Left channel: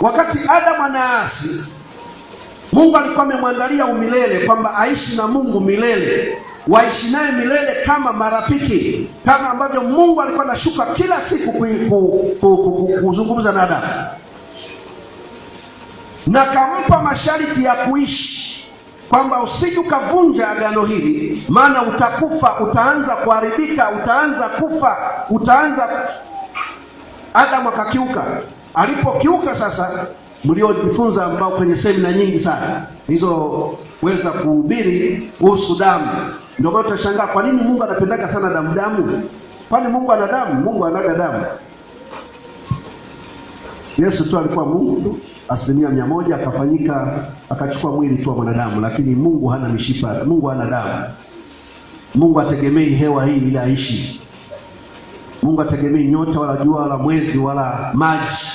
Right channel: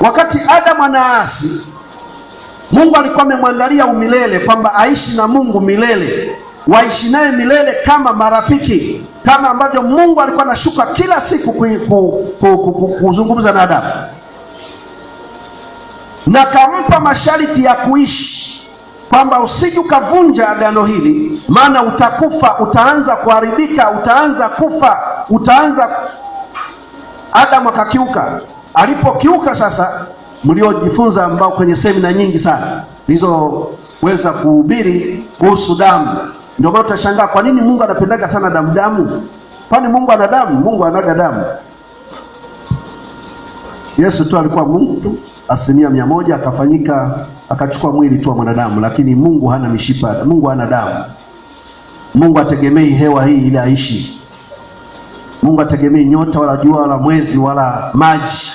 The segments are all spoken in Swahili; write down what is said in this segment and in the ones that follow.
Wakati Adamu anaasi, Mungu alikuwa amemwandalia umilele, kwamba aishi na Mungu milele, waishi naye milele kama marafiki, kama ambavyo Mungu alikuwa anashuka kila siku kuzungumza na Adamu, na kampa masharti ya kuishi, kwamba usije ukavunja agano hili, maana utakufa, utaanza kuharibika, utaanza kufa, Adamu akakiuka. Alipokiuka sasa, mliojifunza ambao kwenye semina nyingi sana nilizoweza kuhubiri kuhusu damu, ndio maana tutashangaa kwa nini Mungu anapendaga sana damu. Kwani Mungu ana damu? Mungu anaga damu. Yesu tu alikuwa Mungu tu 100%, akafanyika akachukua mwili tu wa mwanadamu, lakini Mungu hana mishipa, Mungu hana damu. Mungu ategemei hewa hii ili aishi. Mungu ategemei nyota wala jua wala mwezi wala maji.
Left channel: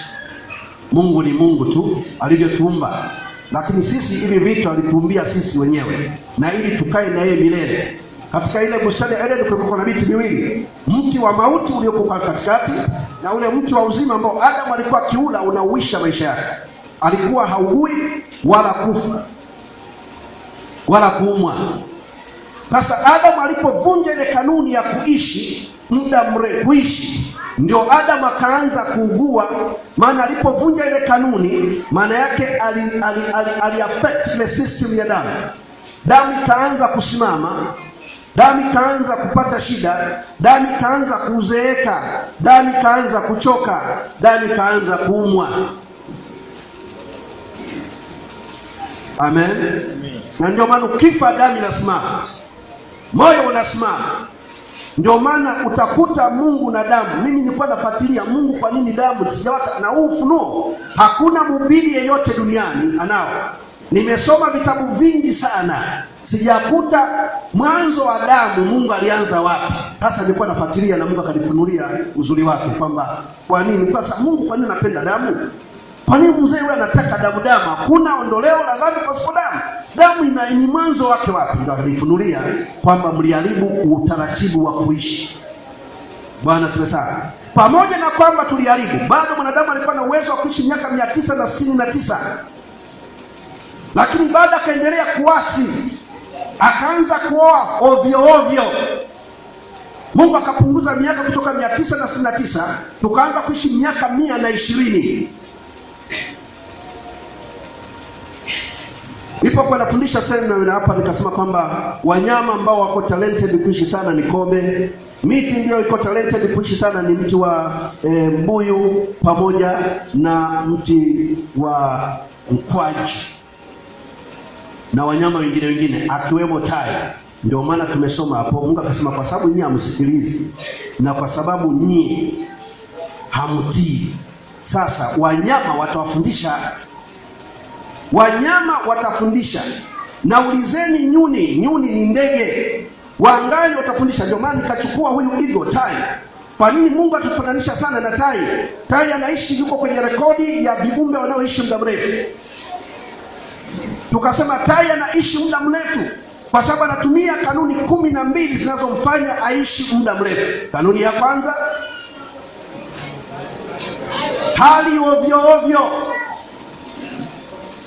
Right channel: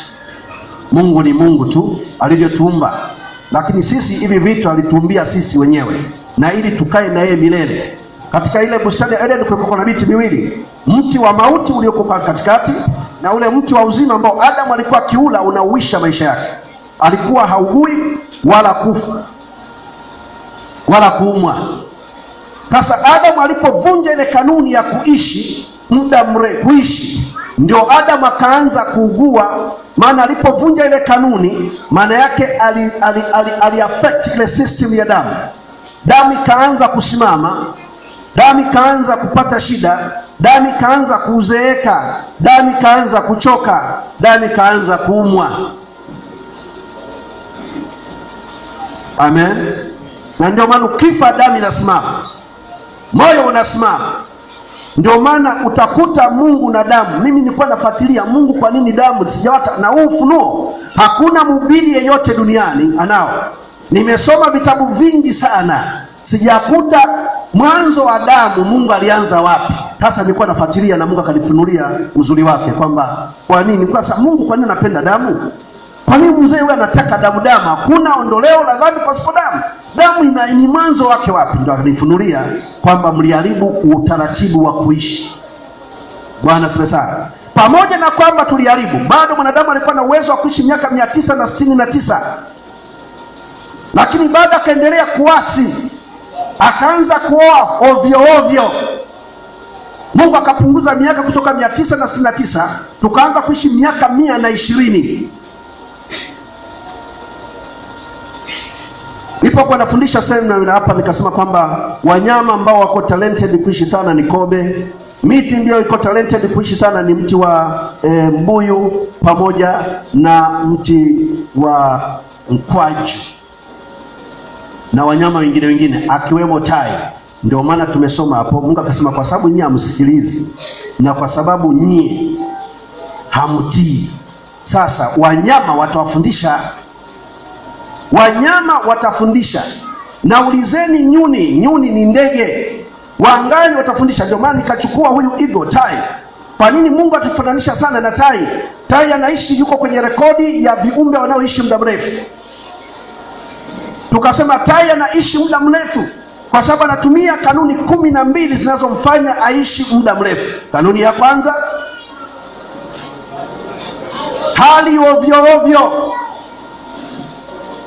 Mungu ni Mungu tu alivyotuumba, lakini sisi hivi vitu alituumbia sisi wenyewe, na ili tukae na yeye milele. Katika ile bustani ya Eden kulikuwa na miti miwili, mti wa mauti uliokuwa katikati na ule mti wa uzima ambao Adamu alikuwa kiula unauisha maisha yake. Alikuwa haugui wala kufa wala kuumwa. Sasa Adamu alipovunja ile kanuni ya kuishi muda mrefu, ndio Adamu akaanza kuugua. Maana alipovunja ile kanuni, maana yake ali affect ile system ya damu. Damu ikaanza kusimama, damu ikaanza kupata shida, damu ikaanza kuzeeka, damu ikaanza kuchoka, damu ikaanza kuumwa. Amen. Na ndio maana ukifa damu inasimama, moyo unasimama. Ndio maana utakuta Mungu na damu. Mimi nilikuwa nafuatilia Mungu, kwa nini damu sijawata, na huu ufunuo hakuna mhubiri yeyote duniani anao. Nimesoma vitabu vingi sana, sijakuta mwanzo wa damu Mungu alianza wapi. Sasa nilikuwa nafuatilia na Mungu akanifunulia uzuri wake, kwamba kwa nini, kwa sababu Mungu, kwa nini anapenda damu? Kwa nini mzee wewe anataka damu? Hakuna ondoleo la dhambi pasipo damu. Damu ni mwanzo wake wapi? Ndio akanifunulia kwamba mliharibu utaratibu wa kuishi. Bwana sifa sana. Pamoja na kwamba tuliharibu, bado mwanadamu alikuwa na uwezo wa kuishi miaka 969, lakini bado akaendelea kuasi, akaanza kuoa ovyo ovyo. Mungu akapunguza miaka kutoka 969 tukaanza kuishi miaka 120. Nilipokuwa nafundisha semina hapa, nikasema kwamba wanyama ambao wako talented kuishi sana ni kobe. Miti ndio iko talented kuishi sana ni mti wa mbuyu pamoja na mti wa mkwaju na wanyama wengine akiwemo tai. Ndio maana tumesoma hapo, Mungu akasema kwa sababu nyinyi hamsikilizi na kwa sababu nyinyi hamtii, sasa wanyama watawafundisha. Wanyama watafundisha. Na ulizeni nyuni, nyuni ni ndege wangani, watafundisha. Ndio maana nikachukua huyu eagle, tai. Kwa nini Mungu atufananisha sana na tai? Tai anaishi, yuko kwenye rekodi ya viumbe wanaoishi muda mrefu. Tukasema tai anaishi muda mrefu kwa sababu anatumia kanuni 12 zinazomfanya aishi muda mrefu. Kanuni ya kwanza, hali ovyo ovyo.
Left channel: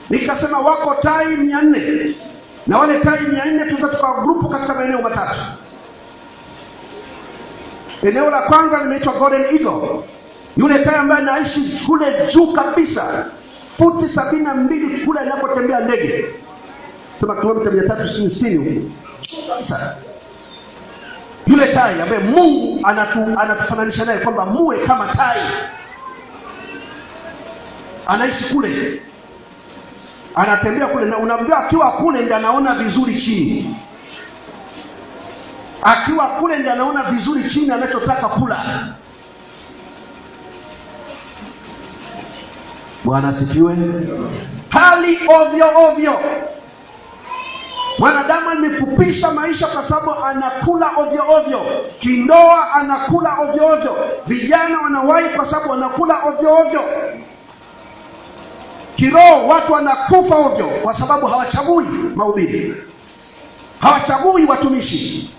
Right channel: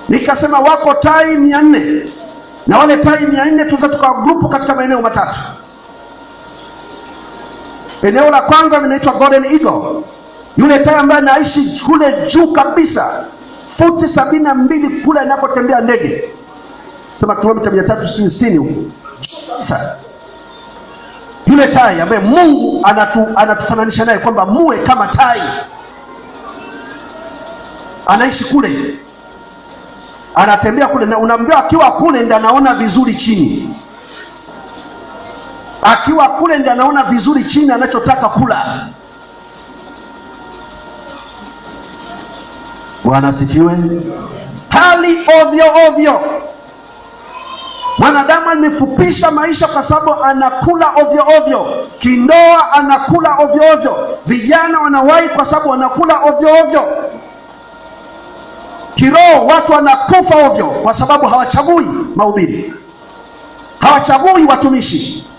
Nikasema wako tai 400, na wale tai 400 tutatoka grupu katika maeneo matatu. Eneo la kwanza linaitwa golden eagle, yule tai ambaye anaishi kule juu kabisa, futi 72 kule anapotembea ndege, sema kilomita 360 huko sasa. Yule tai ambaye Mungu anatufananisha naye kwamba muwe kama tai, anaishi kule, anatembea kule, na unaambiwa akiwa kule ndiye anaona vizuri chini. Akiwa kule ndiye anaona vizuri chini anachotaka kula. Bwana sifiwe. Hali ovyo ovyo. Mwanadamu amefupisha maisha kwa sababu anakula ovyo ovyo. Kindoa anakula ovyo ovyo. Vijana wanawahi kwa sababu wanakula ovyo ovyo. Kiroho watu wanakufa ovyo kwa sababu hawachagui mahubiri, hawachagui watumishi,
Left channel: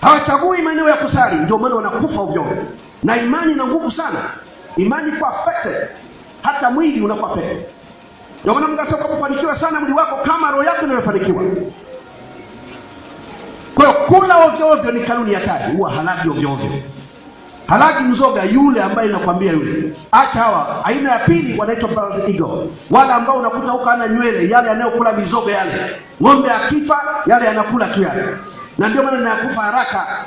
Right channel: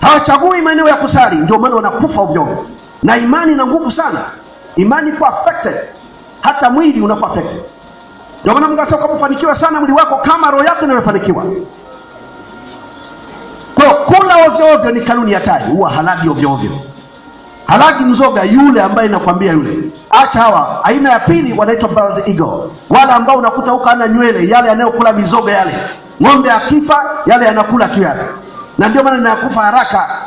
hawachagui maeneo ya kusali. Ndio maana wanakufa ovyo. Na imani ina nguvu sana. Imani iko affected. hata mwili unakuwa pepo. Ndio maana Mungu anasema kufanikiwa sana mwili wako kama roho yako inafanikiwa. Kwa kula ovyo ovyo ni kanuni ya hatari. Huwa halagi ovyo ovyo. Halagi mzoga yule ambaye nakwambia yule. Acha hawa. Aina ya pili wanaitwa bald eagle. Wala ambao unakuta huko ana nywele, yale yanayokula mizoga yale. Ng'ombe akifa yale yanakula tu yale. Na ndio maana inakufa haraka.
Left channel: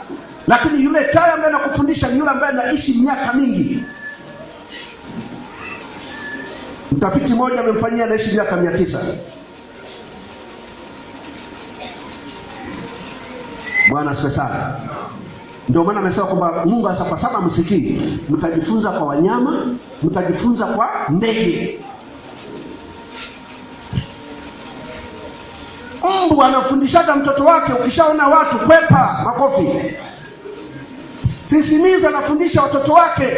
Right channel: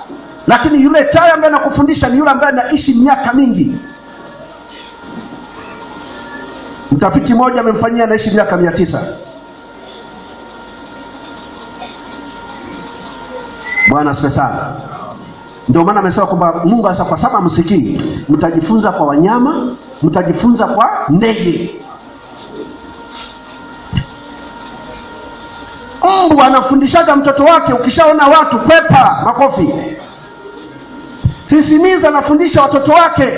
Lakini yule tai ambaye anakufundisha ni yule ambaye anaishi miaka mingi. Mtafiti mmoja amemfanyia anaishi miaka 900. Bwana asifiwe sana. Ndio maana amesema kwamba Mungu anasema kwa sababu msikii, mtajifunza kwa wanyama, mtajifunza kwa ndege. Mungu anafundishaga mtoto wake, ukishaona watu kwepa makofi. Sisimiza anafundisha watoto wake,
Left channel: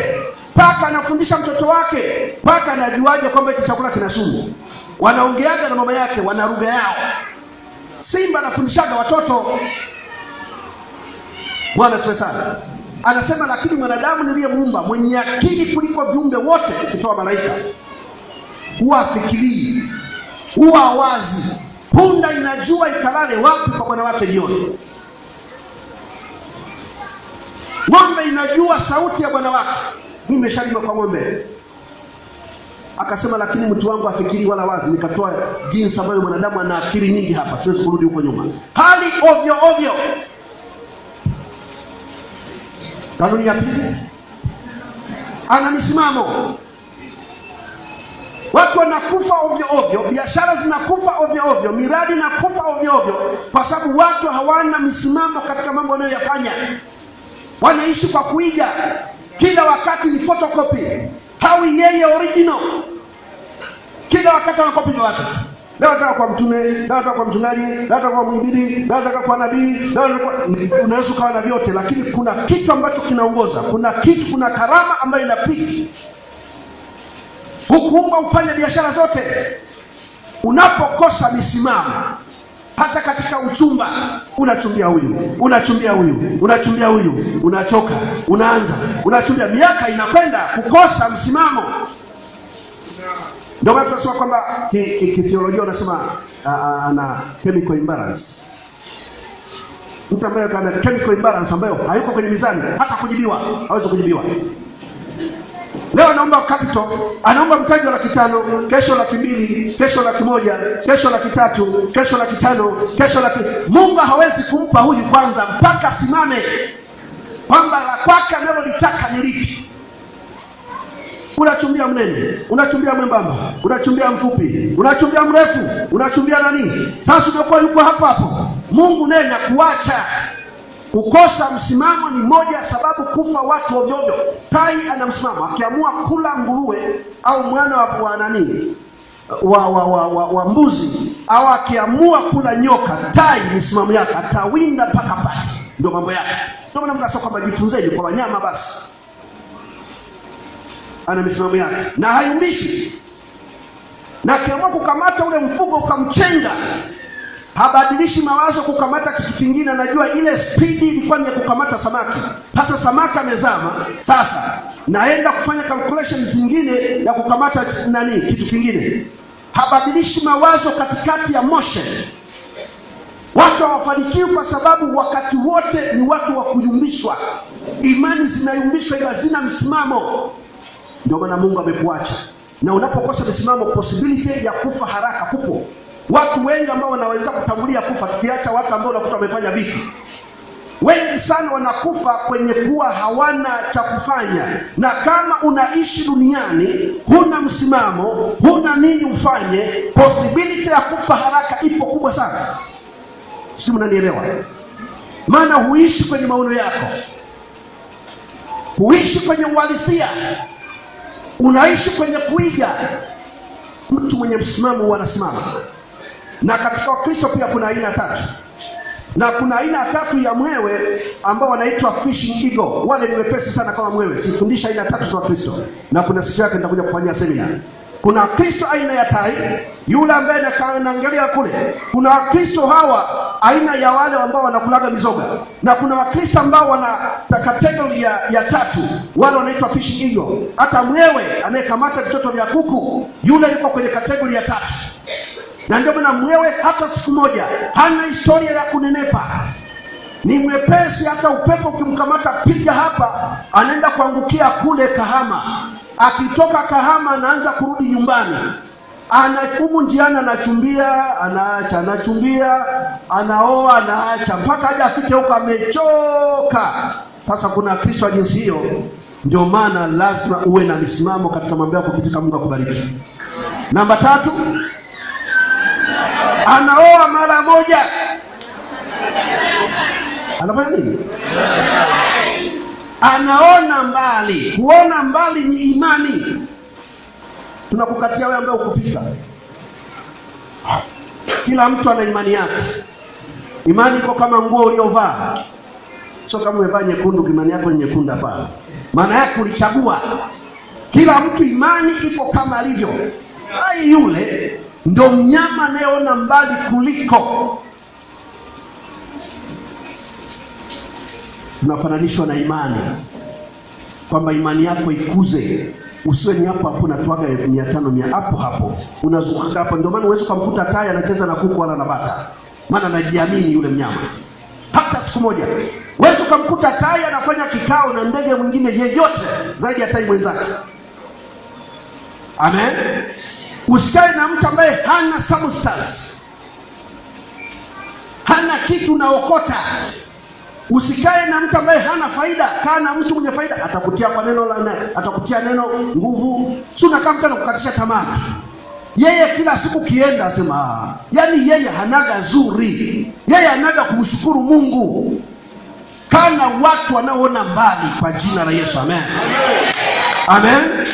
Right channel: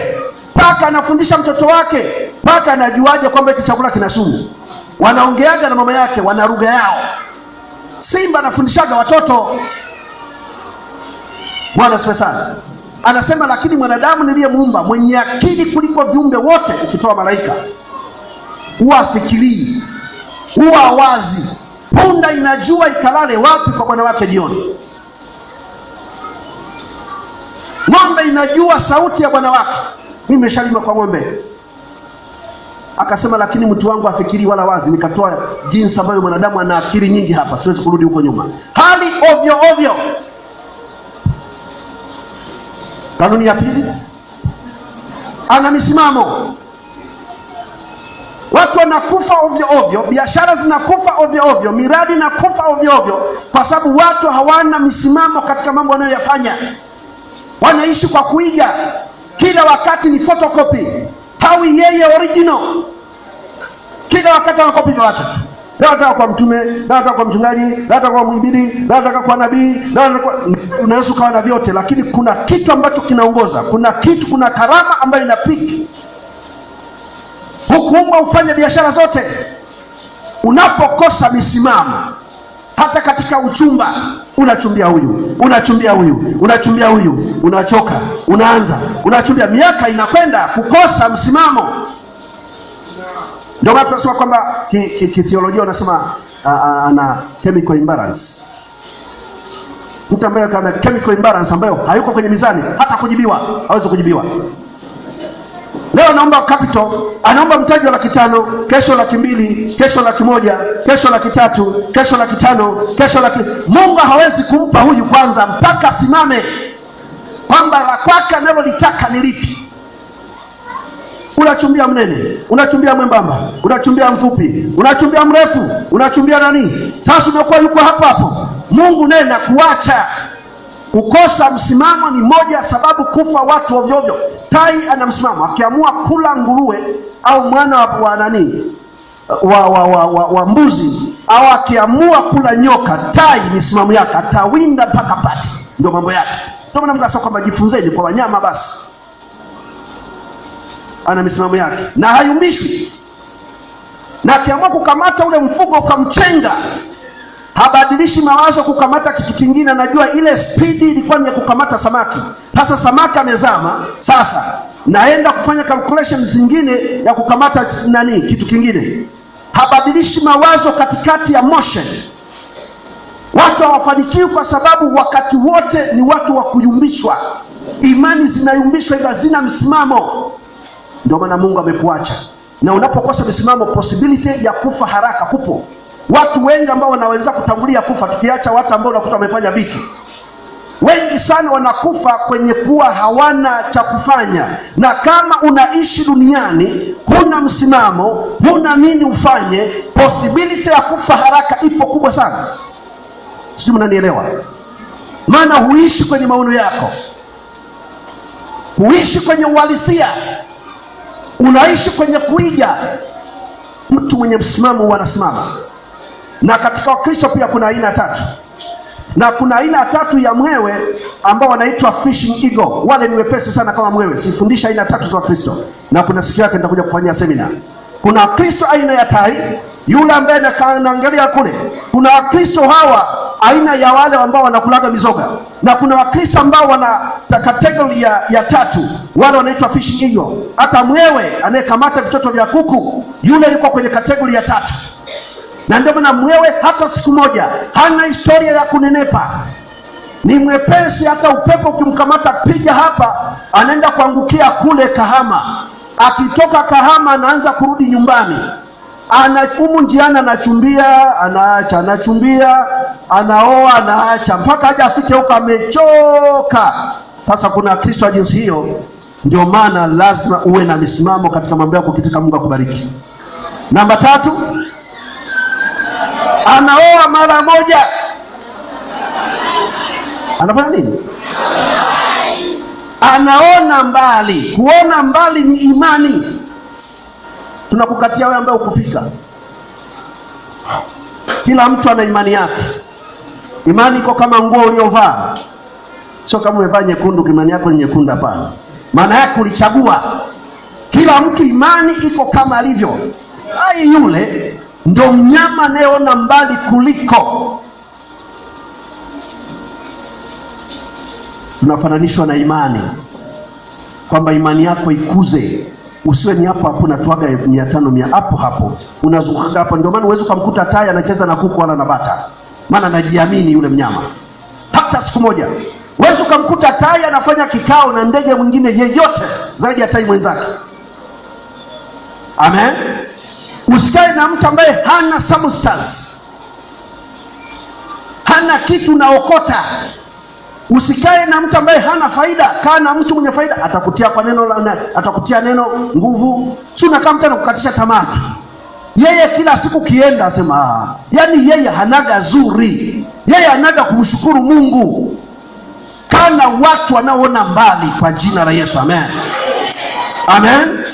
paka anafundisha mtoto wake. Paka anajuaje kwamba hiki chakula kina sumu? Wanaongeaga na mama yake, wana lugha yao. Simba anafundishaga watoto. Bwana asifiwe sana. Anasema lakini mwanadamu niliyemuumba mwenye akili kuliko viumbe wote, ukitoa malaika, huwa afikirii, huwa wazi. Punda inajua ikalale wapi kwa bwana wake jioni. Ng'ombe inajua sauti ya bwana wake. Mimi nimeshalima kwa ng'ombe. Akasema lakini mtu wangu afikiri wala wazi. Nikatoa jinsi ambayo mwanadamu ana akili nyingi hapa, siwezi kurudi huko nyuma. Hali ovyo ovyo. Kanuni ya pili, ana misimamo. Watu wanakufa ovyo ovyo, biashara zinakufa ovyo ovyo, miradi inakufa ovyo ovyo kwa sababu watu hawana misimamo katika mambo wanayoyafanya. Wanaishi kwa kuiga. Kila wakati ni photocopy. Hawi yeye original. Kila wakati anakopi kwa watu. Leo nataka kwa mtume, leo nataka kwa mchungaji, leo nataka kwa mhubiri, leo nataka kwa nabii, unaweza kuwa na vyote, lakini kuna kitu ambacho kinaongoza. Kuna karama ambayo inapiki. Hukuumba ufanye biashara zote. Unapokosa misimamo, hata katika uchumba, unachumbia huyu, unachoka, unachumbia, miaka inakwenda, kukosa msimamo. Ndio maana tunasema kwamba kitheolojia wanasema ana chemical imbalance. Mtu ambaye kana chemical imbalance ambayo hayuko kwenye mizani, hata kujibiwa, hawezi kujibiwa. Leo anaomba capital, anaomba mtaji wa 500,000, kesho 200,000, kesho 100,000, kesho 300,000, kesho 500,000, kesho Mungu hawezi kumpa huyu kwanza mpaka simame kwamba la kwake analolitaka ni lipi. Unachumbia mnene, unachumbia mwembamba, unachumbia mfupi, unachumbia mrefu, unachumbia nani? Sasa unakuwa yuko hapo. Mungu naye na kuacha. Kukosa msimamo ni moja sababu kufa watu ovyo ovyo. Tai ana msimamo. Akiamua kula nguruwe au mwana wa nani? Wa mbuzi, au akiamua kula nyoka, tai misimamo yake atawinda mpaka pati. Ndio mambo yake. Ndio maana Mungu anasema kwamba jifunzeni kwa wanyama basi. Ana misimamo yake na hayumbishwi. Na akiamua kukamata ule mfugo ukamchenga, habadilishi mawazo kukamata kitu kingine. Anajua ile spidi ilikuwa ni ya kukamata samaki. Sasa samaki amezama, sasa naenda kufanya calculation zingine ya kukamata nani, kitu kingine. Habadilishi mawazo katikati ya motion. Watu hawafanikiwi kwa sababu wakati wote ni watu wa kuyumbishwa. Imani zinayumbishwa, hizo hazina msimamo. Ndio maana Mungu amekuacha. Na unapokosa msimamo, possibility ya kufa haraka kupo. Watu wengi ambao wanaweza kutangulia kufa, tukiacha watu ambao unakuta wamefanya vitu. Wengi sana wanakufa kwenye kuwa hawana cha kufanya. Na kama unaishi duniani, huna msimamo, huna nini ufanye, possibility ya kufa haraka ipo kubwa sana. Si mnanielewa? Maana huishi kwenye maono yako. Huishi kwenye uhalisia. Unaishi kwenye kuiga. Mtu mwenye msimamo anasimama. Na katika Kristo pia kuna aina 3. Na kuna aina 3 ya mwewe ambao wanaitwa fishing eagle. Wale ni wepesi sana kama mwewe. Sifundisha aina 3 za Kristo. Na kuna siku yake nitakuja kufanyia seminar. Kuna Kristo aina ya tai, yule ambaye anaangalia kule. Kuna Kristo hawa aina ya wale ambao wanakulaga mizoga, na kuna Wakristo ambao wana kategori ya tatu, wale wanaitwa fish eagle. Hata mwewe anayekamata vitoto vya kuku, yule yuko kwenye kategori ya tatu. Na ndio maana mwewe hata siku moja hana historia ya kunenepa, ni mwepesi. Hata upepo ukimkamata piga hapa, anaenda kuangukia kule Kahama. Akitoka Kahama anaanza kurudi nyumbani, anakumu njiani, anachumbia, anaacha, anachumbia, anaoa, anaacha, mpaka aje afike huko amechoka. Sasa kuna Kristo wa jinsi hiyo. Ndio maana lazima uwe na misimamo katika mambo yako, katika Mungu akubariki. Namba 3, anaoa mara moja. Anafanya nini? Anaona mbali. Kuona mbali ni imani. Tunakukatia wewe ambaye ukufika. Kila mtu ana imani yake. Imani iko kama nguo uliovaa. Sio kama umevaa nyekundu, imani yako ni nyekundu, hapana. Maana yake ulichagua. Kila mtu imani iko kama alivyo. Hai, yule ndo mnyama anayeona mbali kuliko. Tunafananishwa na imani, kwamba imani yako ikuze. Usiwe ni hapo hapo unatoaga 500 hapo hapo unazunguka hapo. Ndio maana uweze kumkuta tai anacheza na kuku wala na bata, maana anajiamini yule mnyama. Hata siku moja uweze kumkuta tai anafanya kikao na ndege mwingine yeyote zaidi ya tai mwenzake. Amen. Usikae na mtu ambaye hana substance, hana kitu naokota. Usikae na mtu ambaye hana faida. Kaa na mtu mwenye faida. Atakutia kwa neno atakutia neno nguvu. Si unakaa mtu anakukatisha tamaa. Yeye kila siku kienda asema, yani yeye hanaga zuri, yeye hanaga kumshukuru Mungu. Kaa na watu wanaoona mbali kwa jina la Yesu. Amen. Amen.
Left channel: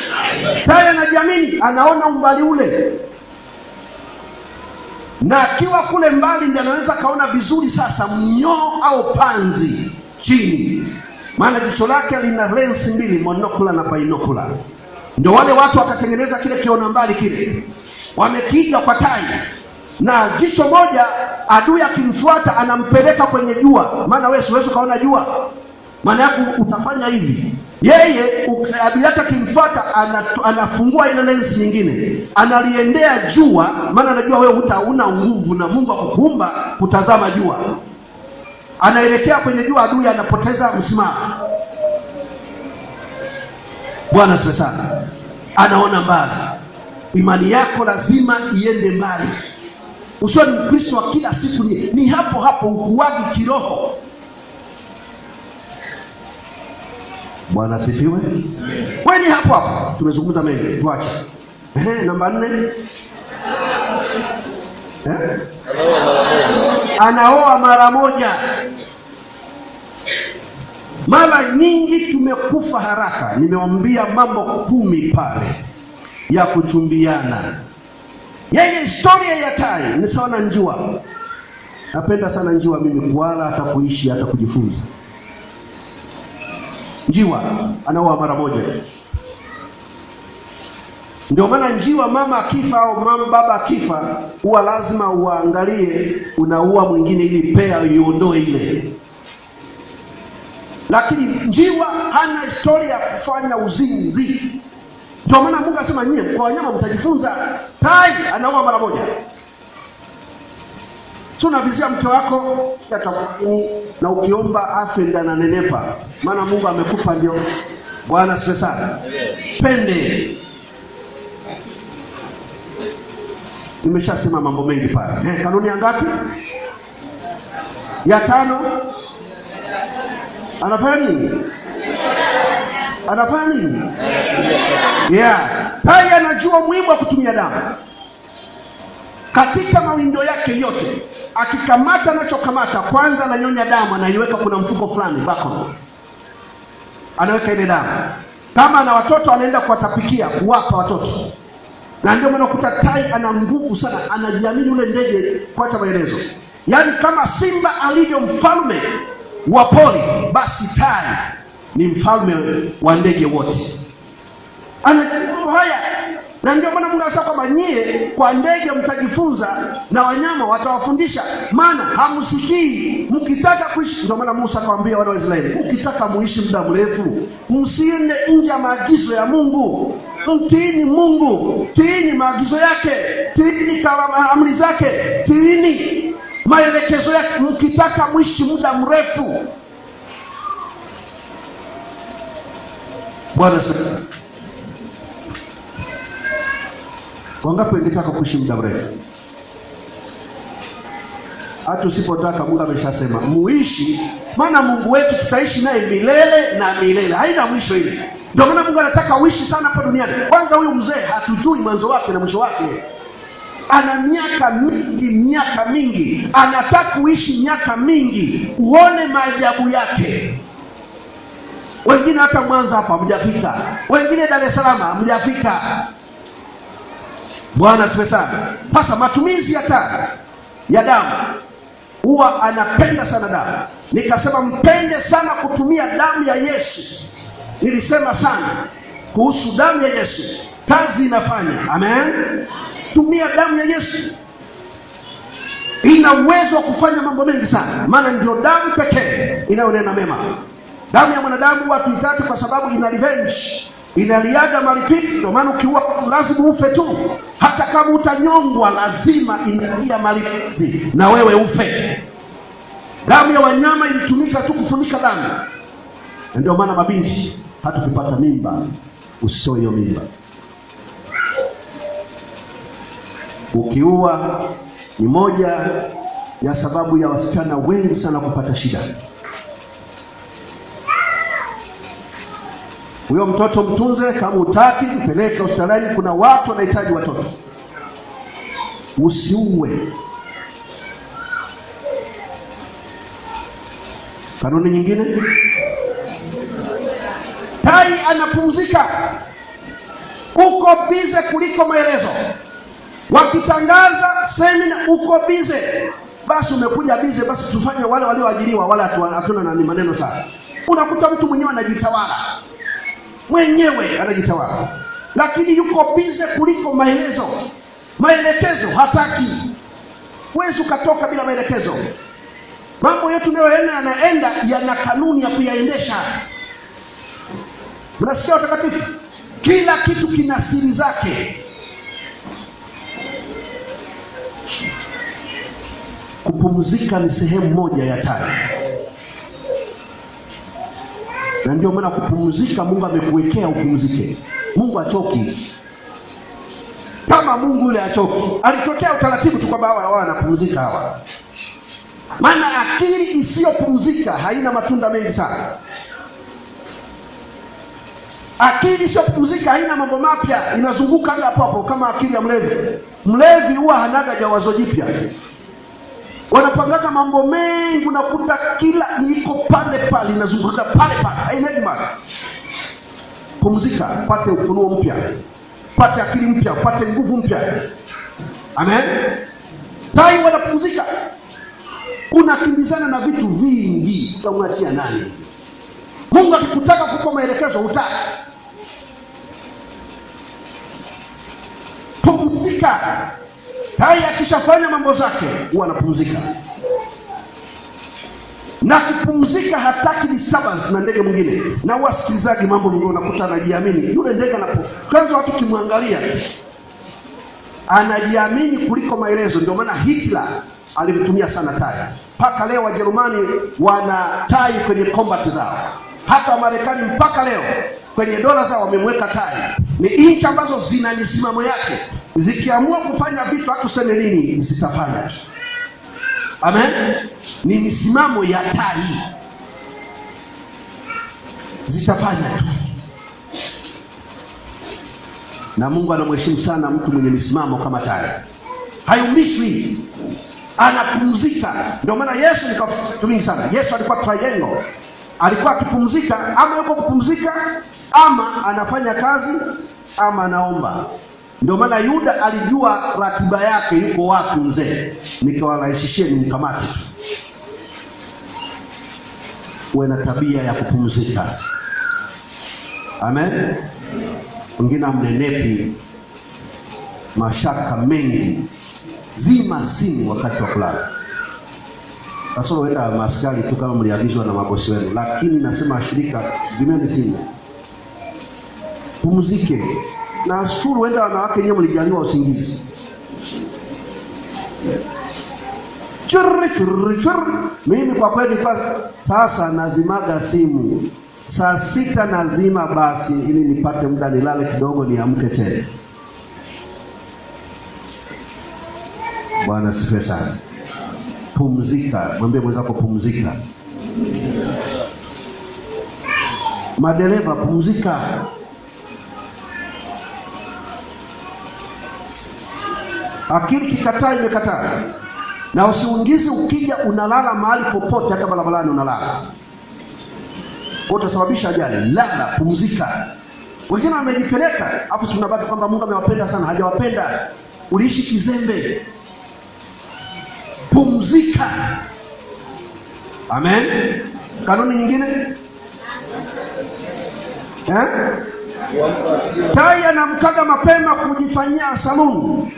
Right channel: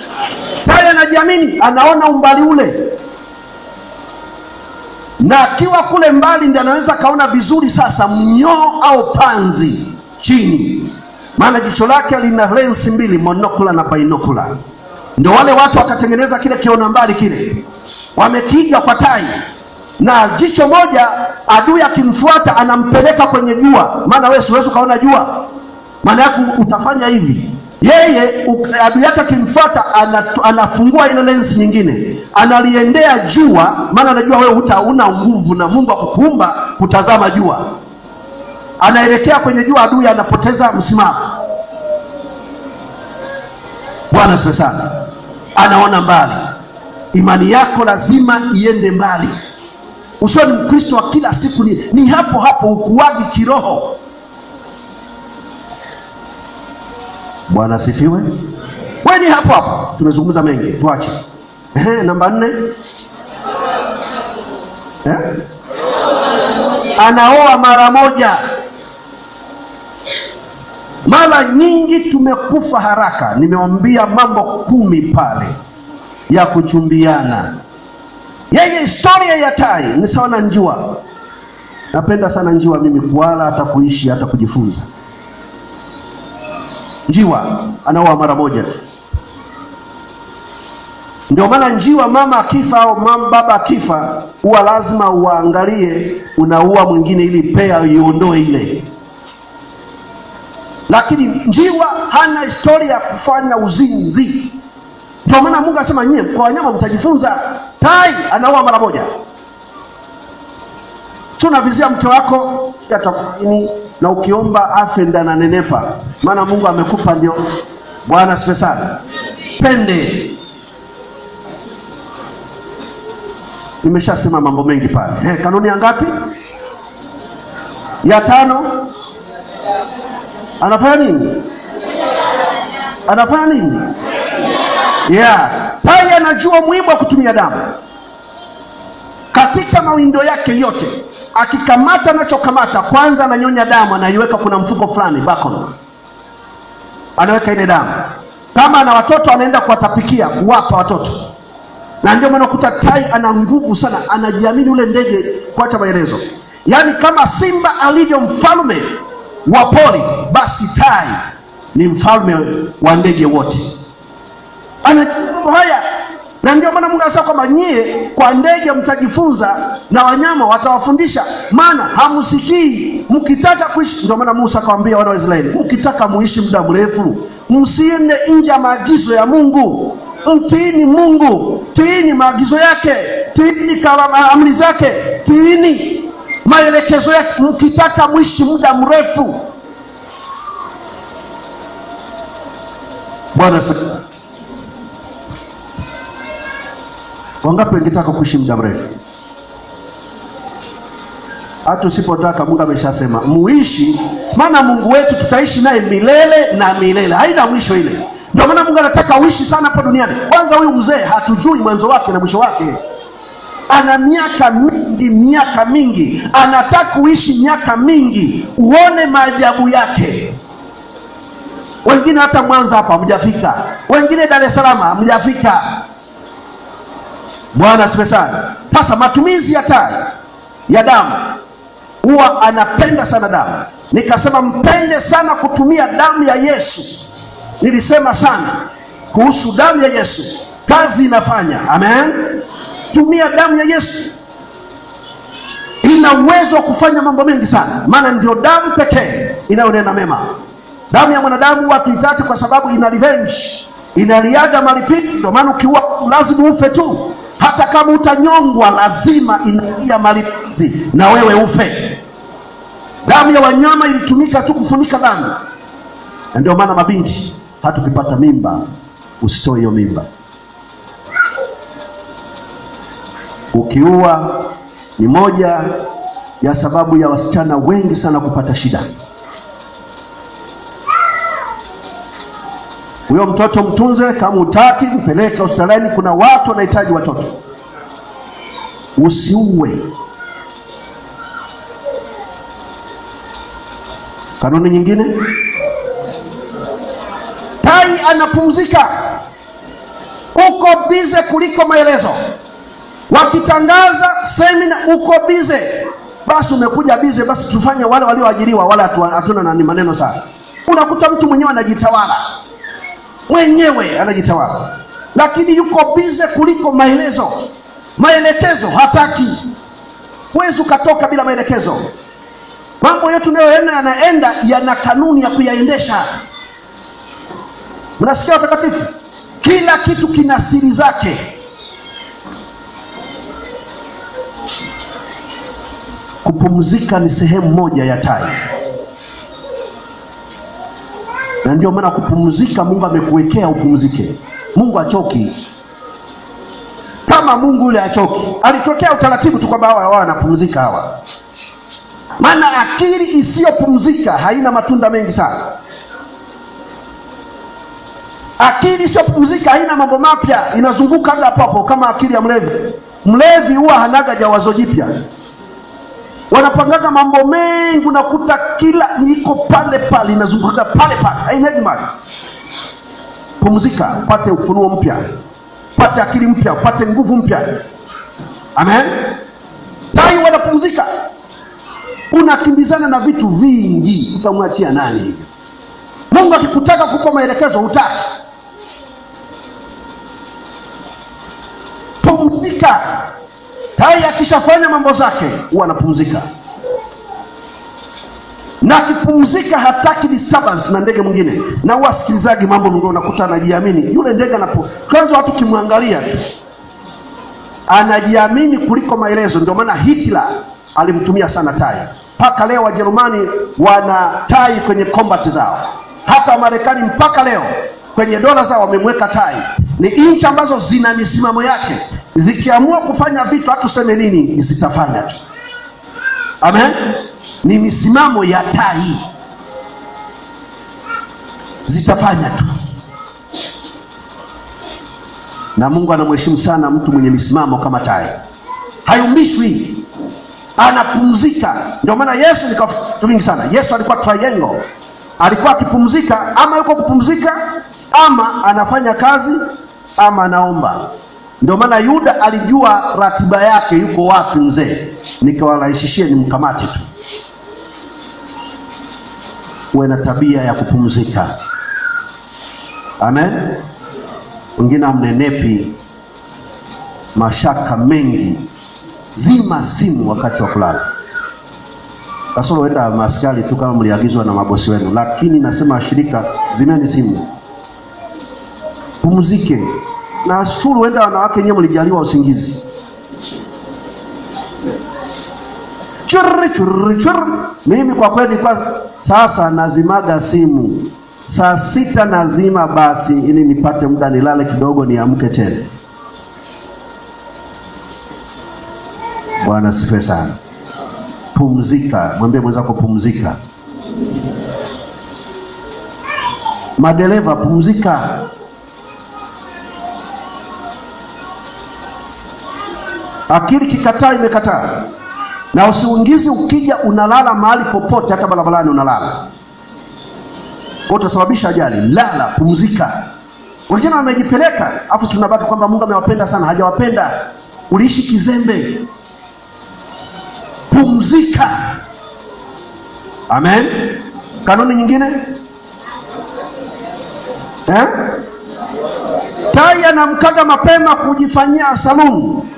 Haya, anajiamini, anaona umbali ule, na akiwa kule mbali ndiye anaweza kaona vizuri sasa mnyoo au panzi chini, maana jicho lake lina lens mbili, monocular na binocular. Ndio wale watu wakatengeneza kile kiona mbali kile, wamekiiga kwa tai, na jicho moja adui akimfuata anampeleka kwenye jua, maana wewe siwezi kaona jua, maana yako utafanya hivi. Yeye adui yake akimfuata anafungua ile lens nyingine, analiendea jua, maana anajua wewe hutauna nguvu na Mungu akukuumba kutazama jua. Anaelekea kwenye jua, adui anapoteza msimamo. Bwana asifiwe sana. Anaona mbali. Imani yako lazima iende mbali. Usiwe ni Mkristo wa kila siku ni hapo hapo, ukuaji kiroho. Bwana asifiwe. Wewe ni hapo hapo. Tumezungumza mengi, tuache. Namba 4. Anaoa mara moja. Mara nyingi tumekufa haraka. Nimewaambia mambo 10 pale ya kuchumbiana. Yeye historia ya tai ni sawa na njiwa. Napenda sana njiwa mimi, kuala hata kuishi hata kujifunza. Njiwa anaoa mara moja. Ndio maana njiwa mama akifa au baba akifa, huwa lazima uangalie unaua mwingine ili pea iondoe ile. Lakini njiwa hana historia ya kufanya uzinzi. Ndio maana Mungu asema nyie kwa wanyama mtajifunza. Tai anaoa mara moja. Sio unavizia mke wako atakini, na ukiomba afe ndio ananenepa, maana Mungu amekupa ndio. Bwana asifiwe sana. Pende. Nimeshasema mambo mengi pale. Kanuni ya ngapi? Ya 5. Anafanya nini? Anafanya nini? Tai anajua umuhimu wa kutumia damu katika mawindo yake yote. Akikamata anachokamata, kwanza ananyonya damu, anaiweka kuna mfuko fulani bakon, anaweka ile damu. Kama ana watoto anaenda kuwatapikia, kuwapa watoto. Na ndio maana kuta tai ana nguvu sana, anajiamini ule ndege. Kuacha maelezo, yaani kama simba alivyo mfalme wa pori, basi tai ni mfalme wa ndege wote. Ana haya Na ndio maana Mungu anasema kwamba nyie kwa ndege mtajifunza na wanyama watawafundisha, maana hamsikii. Mkitaka kuishi, ndio maana Musa akamwambia wana wa Israeli, mkitaka muishi muda mrefu, msiende nje ya maagizo ya Mungu. Mtiini Mungu, tiini maagizo yake, tiini amri zake, tiini maelekezo yake, mkitaka muishi muda mrefu. Bwana asifiwe. Wangapi wangetaka kuishi muda mrefu? Hata usipotaka, Mungu ameshasema muishi, maana Mungu wetu tutaishi naye milele na milele, haina mwisho ile. Ndio maana Mungu anataka uishi sana hapa duniani. Kwanza huyu mzee hatujui mwanzo wake na mwisho wake. Ana miaka mingi, anataka uishi miaka mingi uone maajabu yake. Wengine hata Mwanza hapa hamjafika, wengine Dar es Salaam hamjafika. Bwana asifiwe sana. Sasa matumizi ya damu, huwa anapenda sana damu. Nikasema mpende sana kutumia damu ya Yesu. Nilisema sana kuhusu damu ya Yesu, kazi inafanya. Amen. Tumia damu ya Yesu, ina uwezo wa kufanya mambo mengi sana, maana ndio damu pekee inayonena mema. Damu ya mwanadamu watu itatu, kwa sababu ina revenge, inaliaga malipiti. Ndio maana ukiua lazima ufe tu, hata kama utanyongwa lazima inalia malipizi na wewe ufe. Damu ya wanyama ilitumika tu kufunika dhambi. Na ndio maana mabinti, hata ukipata mimba usitoe hiyo mimba. Ukiua ni moja ya sababu ya wasichana wengi sana kupata shida. Huyo mtoto mtunze, kama utaki mpeleke hospitalini, kuna watu wanahitaji watoto. Usiue. Kanuni nyingine, tai anapumzika. Uko bize kuliko maelezo. Wakitangaza semina uko bize, basi umekuja bize, basi tufanye wale walioajiriwa, wala hatuna nani maneno sana. Unakuta mtu mwenyewe anajitawala, lakini yuko bize kuliko maelekezo hataki. Huwezi ukatoka bila maelekezo. Mambo yetu yanaenda yana kanuni ya kuyaendesha. Mnasikia watakatifu? Kila kitu kina siri zake. Kupumzika ni sehemu moja ya tai. Na ndio maana kupumzika Mungu amekuwekea upumzike. Mungu achoki. Kama Mungu yule achoki, alitokea utaratibu tu kwamba hawa wanapumzika hawa. Maana akili isiyopumzika haina matunda mengi sana. Akili isiyopumzika haina mambo mapya, inazunguka hapo hapo kama akili ya mlevi. Mlevi huwa hanaga jawazo jipya. Wanapangaga mambo mengi, unakuta kila iko pale inazunguka pale, haina maana. Pumzika, pate ufunuo mpya, pate akili mpya, pate nguvu mpya. Amen. Tai wanapumzika. Unakimbizana na vitu vingi, utamwachia nani? Mungu akikutaka kukupa maelekezo hutaki. Pumzika. Tai akishafanya mambo zake huwa anapumzika. Na akipumzika hataki disturbance na ndege mwingine. Na huwa sikilizaji mambo mwingine, unakuta anajiamini. Yule ndege kwanza watu kimwangalia anajiamini kuliko maelezo. Ndio maana Hitler alimtumia sana tai. Mpaka leo Wajerumani wana tai kwenye combat zao. Hata Marekani mpaka leo kwenye dola zao wamemweka tai. Ni nchi ambazo zina misimamo yake. Zikiamua kufanya vitu hata useme nini zitafanya tu. Amen. Ni misimamo ya tai. Zitafanya tu. Na Mungu anamheshimu sana mtu mwenye misimamo kama tai. Hayumbishwi. Anapumzika. Ndio maana Yesu ni kitu vingi sana. Yesu alikuwa triangle. Alikuwa akipumzika, ama yuko kupumzika, ama anafanya kazi, ama anaomba. Ndio maana Yuda alijua ratiba yake yuko wapi mzee. Nikawarahisishie nimkamate tu. Uwe na tabia ya kupumzika. Amen. Wengine amnenepi mashaka mengi. Zima simu wakati wa kulala. Kasoro wenda maskari tu kama mliagizwa na mabosi wenu, lakini nasema shirika, zimeni simu. Pumzike. Na shuru wenda wanawake wenyewe mlijaliwa usingizi. Churri. Mimi kwa kweli kwa sasa nazimaga simu. Saa 6 nazima basi ili nipate muda nilale kidogo niamke tena. Bwana sifiwe sana. Pumzika. Mwambie mwenzako pumzika. Madereva pumzika. Akili kikataa imekataa. Na usiungizi ukija unalala mahali popote, hata barabarani unalala. Utasababisha ajali. Lala, pumzika. Wengine wamejipeleka, afu tunabaki kwamba Mungu amewapenda sana. Hajawapenda. Uliishi kizembe. Pumzika. Amen. Kanuni nyingine? Tai anamkaga mapema kujifanyia saluni.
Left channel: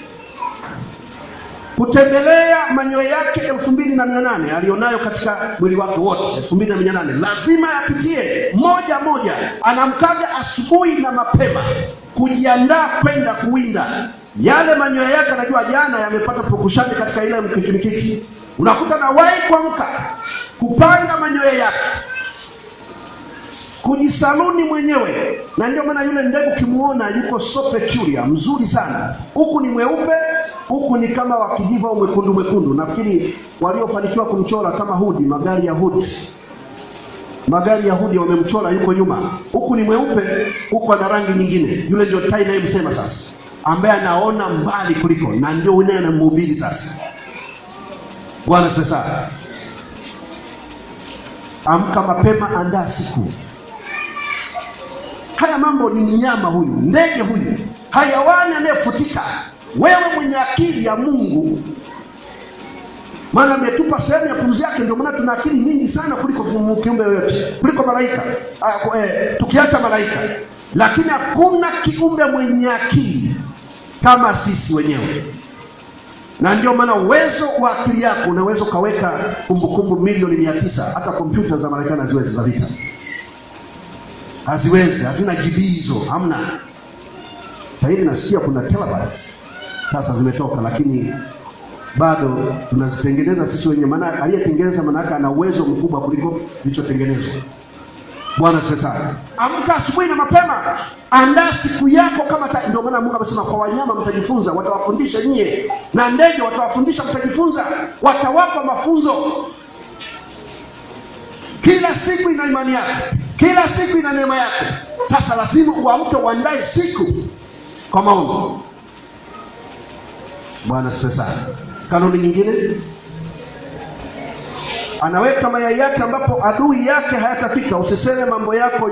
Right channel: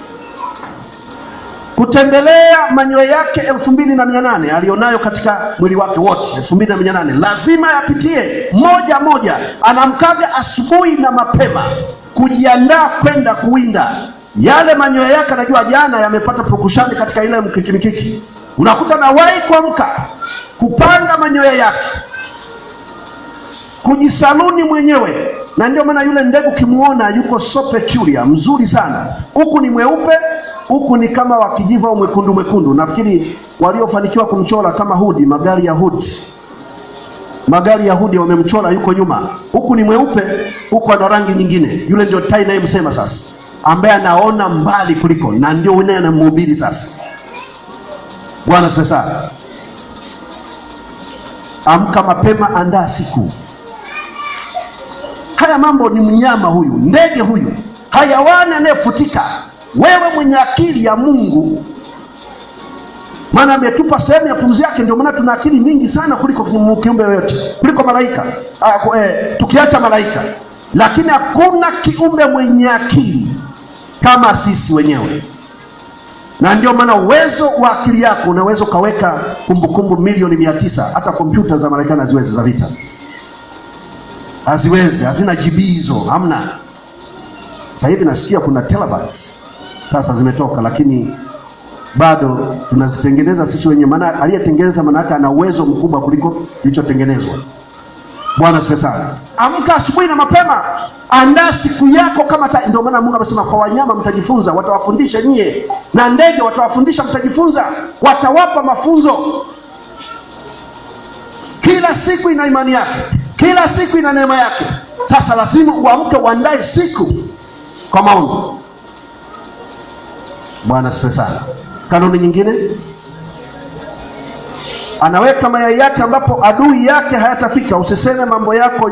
Kutembelea manyoya yake 2800 alionayo katika mwili wake wote 2800 lazima yapitie moja moja. Anamkaga asubuhi na mapema kujiandaa kwenda kuwinda. Yale manyoya yake anajua jana yamepata pukushani katika ile mkiki. Unakuta na wahi kuamka kupanga manyoya yake, kujisaluni mwenyewe. Na ndio maana yule ndege kimuona yuko so peculiar, mzuri sana. Huku ni mweupe, huku ni kama wa kijivu au mwekundu. Nafikiri waliofanikiwa kumchora kama Hudi, magari ya Hudi wamemchora yuko nyuma. Huku ni mweupe, huku ana rangi nyingine. Yule ndio tai naye msema sasa, ambaye anaona mbali kuliko, na ndio yeye anamhubiri sasa. Bwana sasa. Amka mapema, andaa siku. Haya mambo ni mnyama huyu, ndege huyu, hayawani anayefutika. Wewe mwenye akili ya Mungu, maana ametupa sehemu ya pumzi yake, ndio maana tuna akili mingi sana kuliko kiumbe yoyote, kuliko malaika. Tukiacha malaika, lakini hakuna kiumbe mwenye akili kama sisi wenyewe. Na ndio maana uwezo wa akili yako unaweza kaweka kumbukumbu milioni 900. Hata kompyuta za Marekani haziwezi, za vita haziwezi, hazina GB hizo, hamna. Sasa hivi nasikia kuna terabytes sasa zimetoka, lakini bado tunazitengeneza sisi wenyewe. Maana aliyetengeneza maana yake ana uwezo mkubwa kuliko kilichotengenezwa. Bwana asifiwe sana. Amka asubuhi na mapema, andaa siku yako kama ndio maana Mungu amesema kwa wanyama mtajifunza, watawafundisha nyie, na ndege watawafundisha mtajifunza, watawapa mafunzo. Kila siku ina imani yake, kila siku ina neema yake. Sasa lazima uamke, uandae siku kwa maombi. Bwana asifiwe sana. Kanuni nyingine, anaweka mayai yake ambapo adui yake hayatafika. Usiseme mambo yako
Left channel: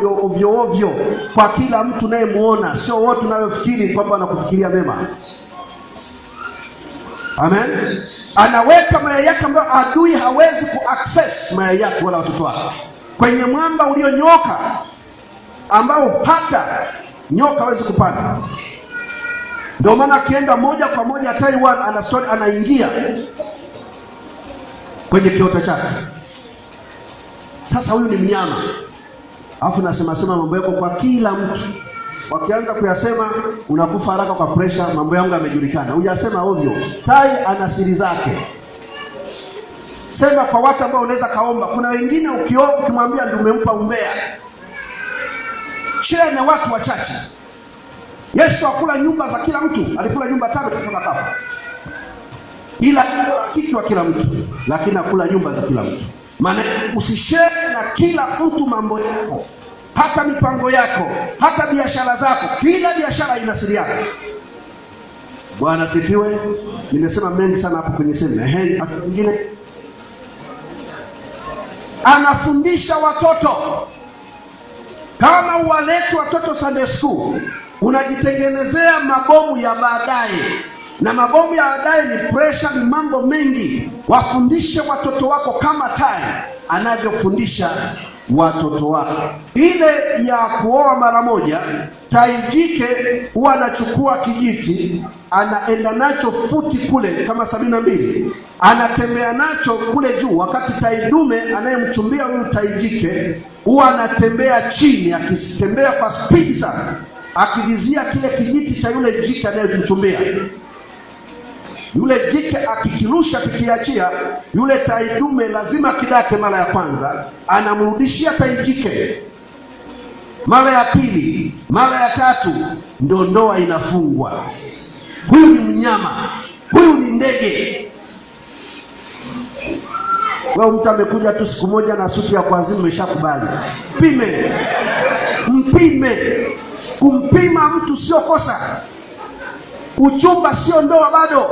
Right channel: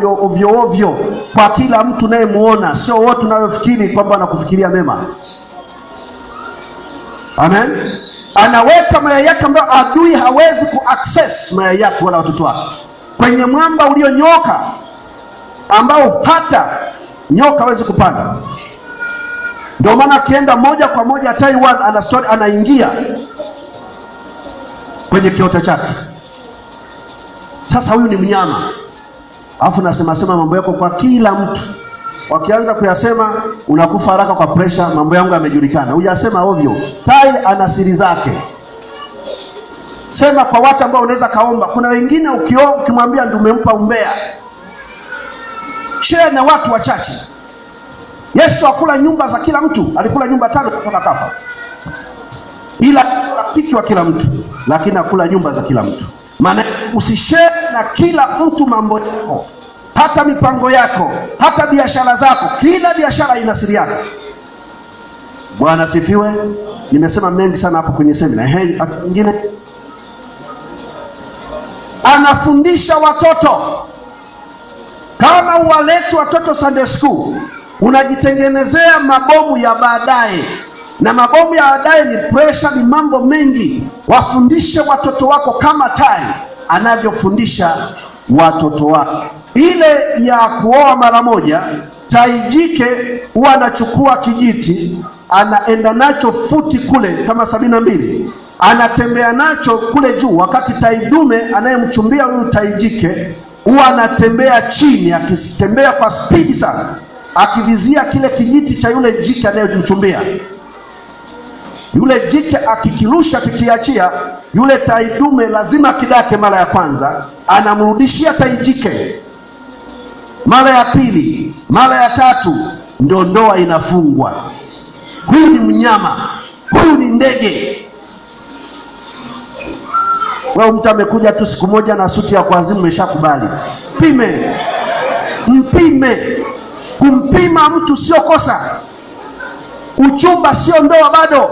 ovyo kwa kila mtu naye muona, sio wote unayofikiri kwamba anakufikiria mema. Amen. Anaweka mayai yake ambapo adui hawezi kuaccess mayai yake wala watoto wake, kwenye mwamba ulionyoka ambao hata nyoka hawezi kupanda. Ndio maana akienda moja kwa moja Taiwan anaingia kwenye kiota chake. Sasa huyu ni mnyama. Alafu nasema mambo yako kwa kila mtu. Wakianza kuyasema unakufa haraka kwa pressure, mambo yangu yamejulikana. Hujasema ovyo. Tai ana siri zake. Sema kwa watu ambao unaweza kaomba. Kuna wengine ukimwambia ndio umempa umbea. Share na watu wachache. Yesu akula nyumba za kila mtu, alikula nyumba 5 kutoka kafa. Ila rafiki wa kila mtu, lakini akula nyumba za kila mtu. Maana usishare na kila mtu mambo yako, hata mipango yako, hata biashara zako. Kila biashara ina siri yake. Bwana sifiwe. Nimesema mengi sana hapo kwenye semina. Mwingine anafundisha watoto. Kama uwalete watoto Sunday school, unajitengenezea mabomu ya baadaye. Na mabomu ya baadaye ni pressure, ni mambo mengi. Wafundishe watoto wako kama tai anavyofundisha watoto wake. Ile ya kuoa mara moja, tai jike huwa anachukua kijiti, anaenda nacho futi kule kama 72, anatembea nacho kule juu, wakati tai dume anayemchumbia huyu tai jike huwa anatembea chini, akitembea kwa spidi sana, akivizia kile kijiti cha yule jike anayemchumbia. Yule jike akikirusha, kikiachia, yule tai dume lazima kidake mara ya kwanza, anamrudishia tai jike mara ya pili, mara ya tatu, ndio ndoa inafungwa. Huyu ni mnyama, huyu ni ndege. Wewe mtu amekuja tu siku moja na suti ya kuazimu, umeshakubali. Pime, mpime. Kumpima mtu sio kosa. Uchumba sio ndoa bado.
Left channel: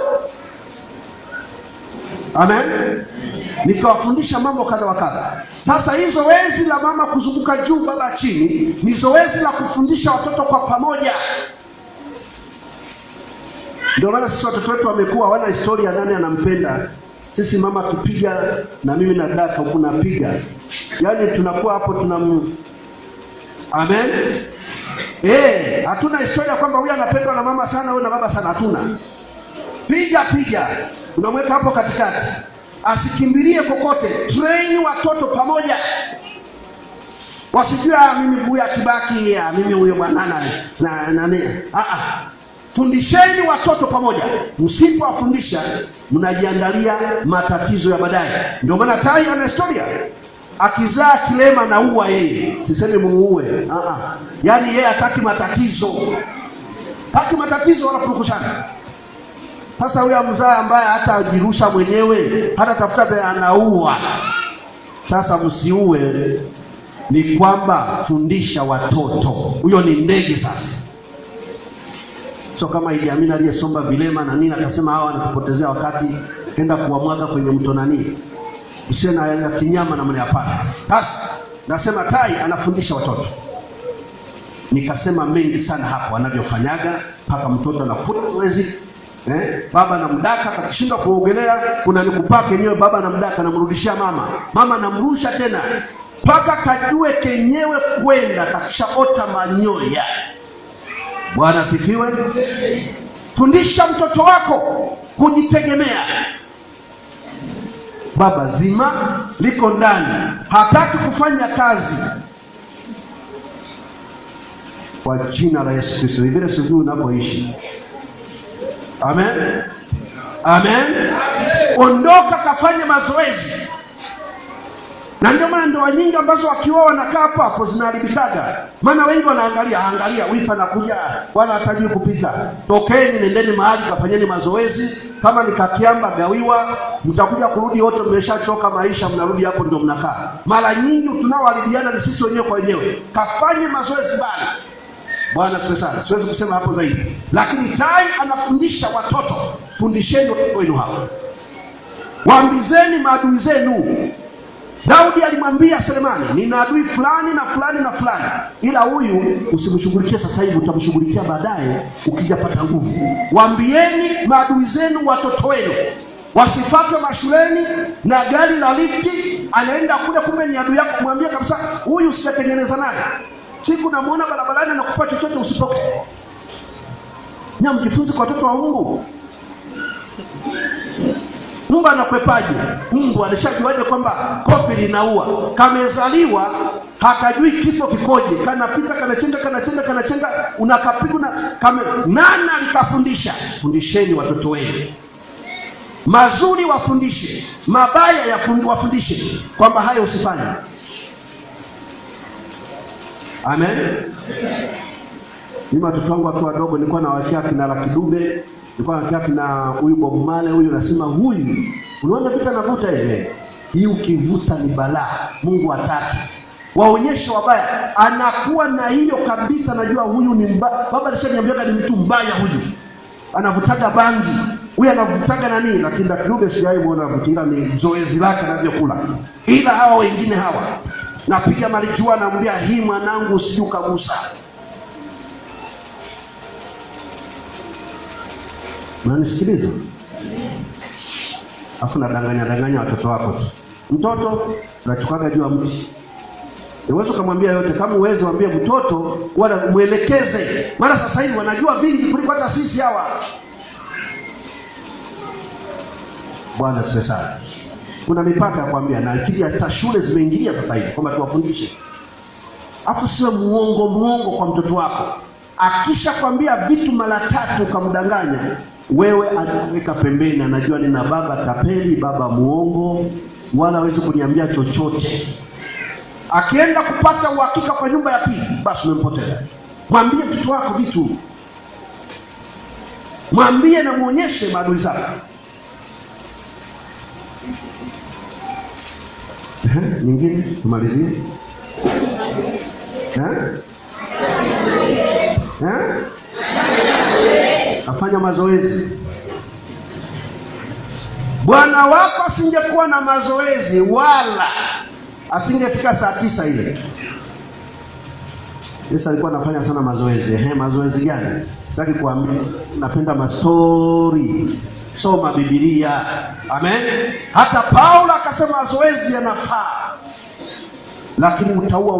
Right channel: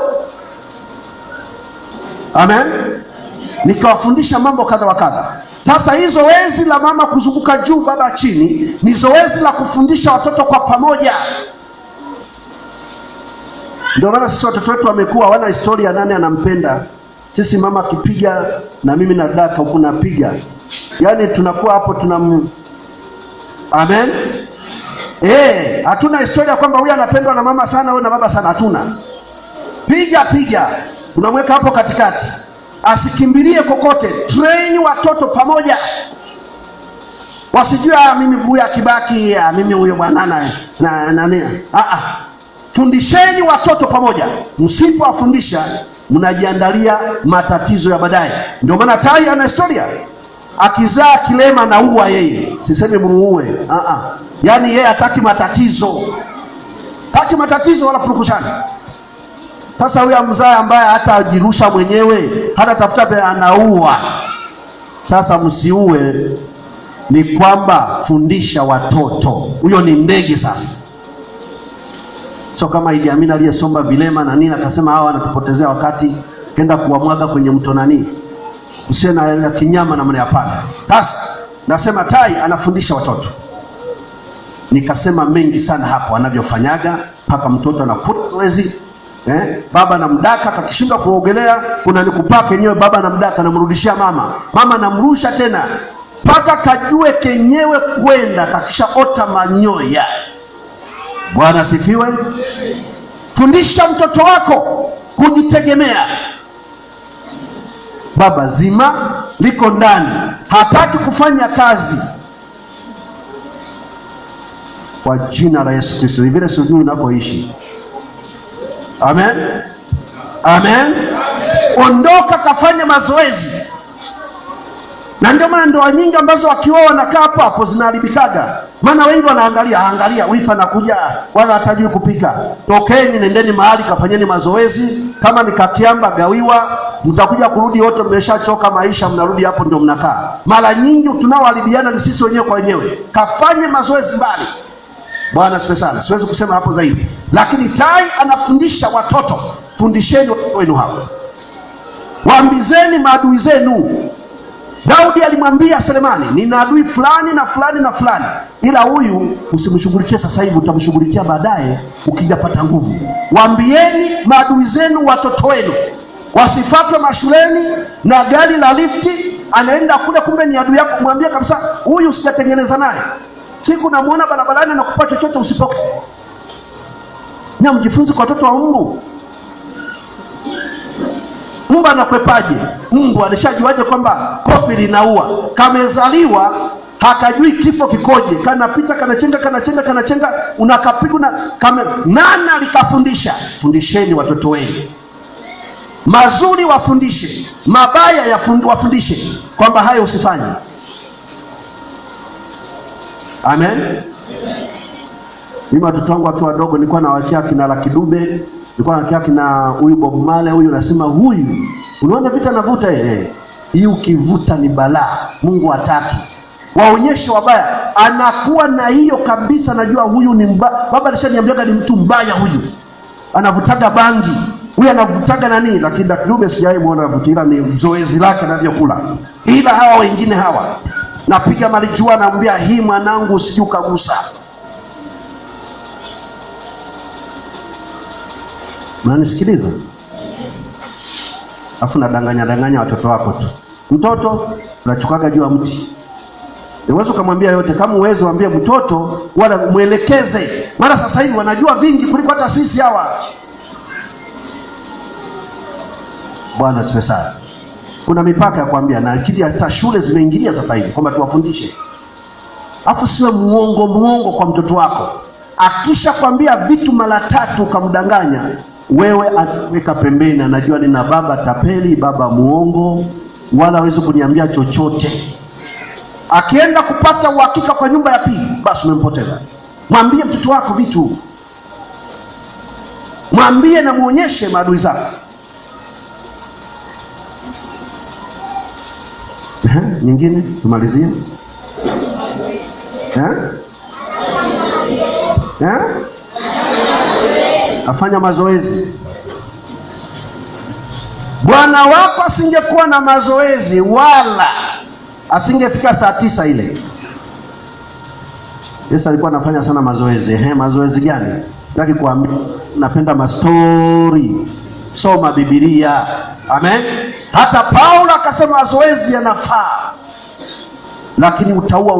Amen. Nikawafundisha mambo kadha wa kadha. Sasa hii zoezi la mama kuzunguka juu baba chini ni zoezi la kufundisha watoto kwa pamoja. Ndio maana sisi watoto wetu wamekuwa wana historia, nani anampenda. Sisi mama akipiga na mimi na daka huko napiga. Yaani tunakuwa hapo Amen. Hatuna historia kwamba huyu anapendwa na mama sana, wewe na baba sana, hatuna. Piga. Unamweka hapo katikati. Asikimbilie kokote. Train watoto pamoja. Wasijue mimi huyu akibaki, mimi huyo bwanana na nani. Fundisheni watoto pamoja. Msipowafundisha mnajiandalia matatizo ya baadaye. Ndio maana tai ana historia. Akizaa kilema na uwa yeye. Sisemi muue. Yaani yeye hataki matatizo. Hataki matatizo wala purukushana. Sasa huyu mzaa ambaye hata ajirusha mwenyewe, hata tafuta anaua. Sasa msiue, ni kwamba fundisha watoto. Huyo ni ndege sasa. So kama Idi Amin aliyesomba vilema na nini akasema hawa wanatupotezea wakati, kenda kuwamwaga kwenye mto nani. Usiwe na kinyama na mwana hapana. Sasa nasema tai anafundisha watoto. Nikasema mengi sana hapo anavyofanyaga mpaka mtoto anakuta zoezi. Baba na mdaka kakishindwa kuogelea, kuna nikupake nyewe, baba na mdaka namrudishia mama namrusha tena mpaka kajue kenyewe kwenda, kakisha ota manyoya. Bwana sifiwe. Fundisha mtoto wako kujitegemea. Baba zima liko ndani, hataki kufanya kazi. Kwa jina la Yesu Kristo, vile sijui unakoishi. Amen. Ondoka kafanya mazoezi. Na ndio maana ndoa nyingi ambazo wakioa wanakaa hapo zinaharibikaga. Maana wengi wanaangalia wifa anakuja wala hatajui kupika. Tokeni nendeni mahali kafanyeni mazoezi. Kama ni kakiamba gawiwa, mtakuja kurudi wote mmeshachoka maisha, mnarudi hapo ndio mnakaa. Mara nyingi tunaoharibiana ni sisi wenyewe kwa wenyewe. Kafanye mazoezi mbali. Bwana sifa sana. Siwezi kusema hapo zaidi. Lakini tai anafundisha watoto. Fundisheni watoto wenu hao. Waambizeni maadui zenu. Daudi alimwambia Selemani, nina adui fulani na fulani na fulani, ila huyu usimshughulikie sasa hivi, utamshughulikia baadaye ukijapata nguvu. Waambieni maadui zenu watoto wenu. Wasifatwe mashuleni na gari la lifti, anaenda kule kumbe ni adui yako. Mwambie kabisa, huyu sijatengeneza naye. Siku namuona barabarani na kupa chochote usipoke. Mjifunze kwa watoto wa Mungu. Mungu anakwepaje? Mungu alishajuaje kwamba kofi linaua? Kamezaliwa hakajui kifo kikoje. Kanapita kanachenga unakapiga na nani alikafundisha? Fundisheni watoto wenu. Mazuri wafundishe, mabaya wafundishe kwamba hayo usifanye. Amen. Mimi watoto wangu wakiwa wadogo nilikuwa nawakia kina Lucky Dube, nilikuwa nawakia kina huyu Bob Marley, huyu nasema huyu unaona vita navuta hii ukivuta ni balaa. Mungu hataki. Waonyeshe wabaya, anakuwa na hiyo kabisa, najua huyu ni baba alishaniambia ni mtu mbaya huyu. Anavutaga bangi, huyu anavutaga nani, lakini Lucky Dube sijawahi muona anavutia, ni zoezi lake anavyokula. Ila hawa wengine hawa napiga malijua, naambia hii mwanangu usije ukagusa. Unanisikiliza? Afu nadanganya watoto wako tu. Mtoto unachukaga juu ya mti. Uwezo kumwambia yote, kama uwezo mwambie mtoto wala muelekeze. Maana sasa hivi wanajua vingi kuliko hata sisi hawa. Bwana asifiwe sana. Kuna mipaka ya kuambia, na akili hata shule zimeingilia sasa hivi kwamba tuwafundishe. Afu siwe muongo kwa mtoto wako. Akisha kwambia vitu mara 3 ukamdanganya, wewe anaweka pembeni, anajua nina baba tapeli, baba muongo, wala hawezi kuniambia chochote. Akienda kupata uhakika kwa nyumba ya pili, basi umempoteza. Mwambie mtoto wako vitu. Mwambie na muonyeshe maadui zako. Nyingine tumalizie. Afanya mazoezi. Bwana wako asingekuwa na mazoezi, wala asingefika saa 9 ile. Yesu alikuwa anafanya sana mazoezi. Mazoezi gani? Sitaki kuambia, napenda mastori. Soma Biblia. Amen. Hata Paulo akasema mazoezi yanafaa, lakini utaua